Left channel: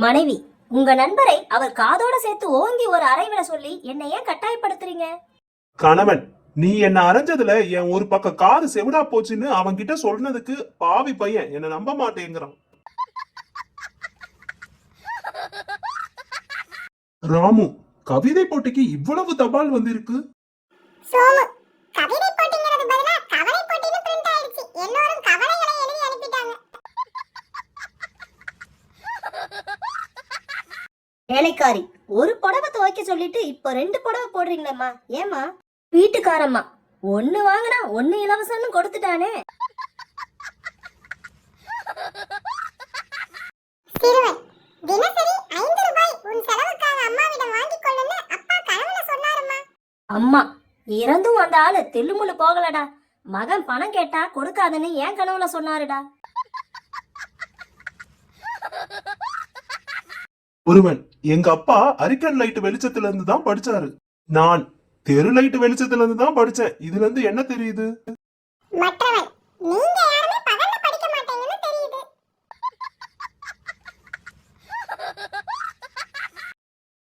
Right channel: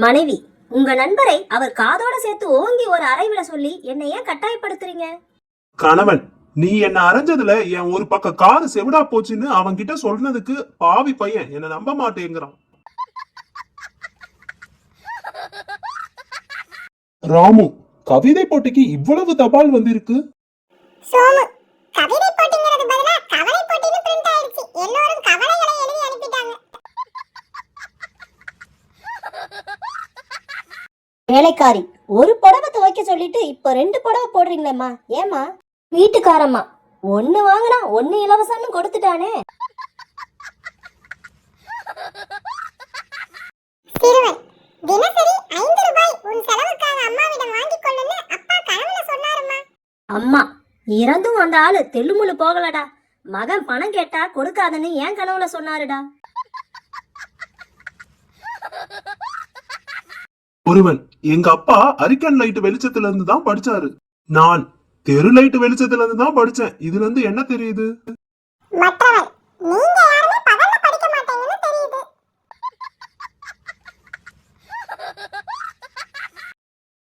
மனைவி, உங்க நண்பரை அவர் காதோட சேர்த்து ஓங்கி ஒரு அறை விட சொல்லி என்னை ஏன் கட்டாயப்படுத்துறீங்க? கணவன், நீ என்ன அரைஞ்சதுல என் ஒரு பக்கம் காது செவிடா போச்சுன்னு அவன் கிட்ட சொன்னதுக்கு பாவி பையன் என்ன நம்ப மாட்டேங்கிறான். ராமு, கவிதை போட்டிக்கு இவ்வளவு தபால் வந்திருக்கு. சோமு, கவிதை போட்டிங்கிறது பதிலா கவலை போட்டின்னு பிரிண்ட் ஆயிடுச்சு. எல்லாரும் கவலைகளை எழுதி அனுப்பிட்டாங்க. வேலைக்காரி, ஒரு புடவை துவைக்க சொல்லிட்டு இப்ப 2 புடவை போடுறீங்களேம்மா, ஏமா? வீட்டுக்காரம்மா, ஒண்ணு வாங்கினா ஒண்ணு இலவசம்னு கொடுத்துட்டானே. சிறுவன், தினசரி 5 ரூபாய் உன் செலவுக்காக அம்மாவிடம் வாங்கிக் கொள்ளுன்னு அப்பா கனவுல சொன்னாருமா. அம்மா, இறந்தும் அந்த ஆளு தெல்லுமுள்ளு போகலடா. மகன் பணம் கேட்டா கொடுக்காதன்னு ஏன் கனவுல சொன்னாருடா. ஒருவன், எங்க அப்பா அரிக்கன் லைட் வெளிச்சத்துல இருந்து தான் படிச்சாரு. நான் தெரு லைட் வெளிச்சத்துல இருந்து தான் படிச்சேன். இதுல இருந்து என்ன தெரியுது? மற்றவன், நீங்க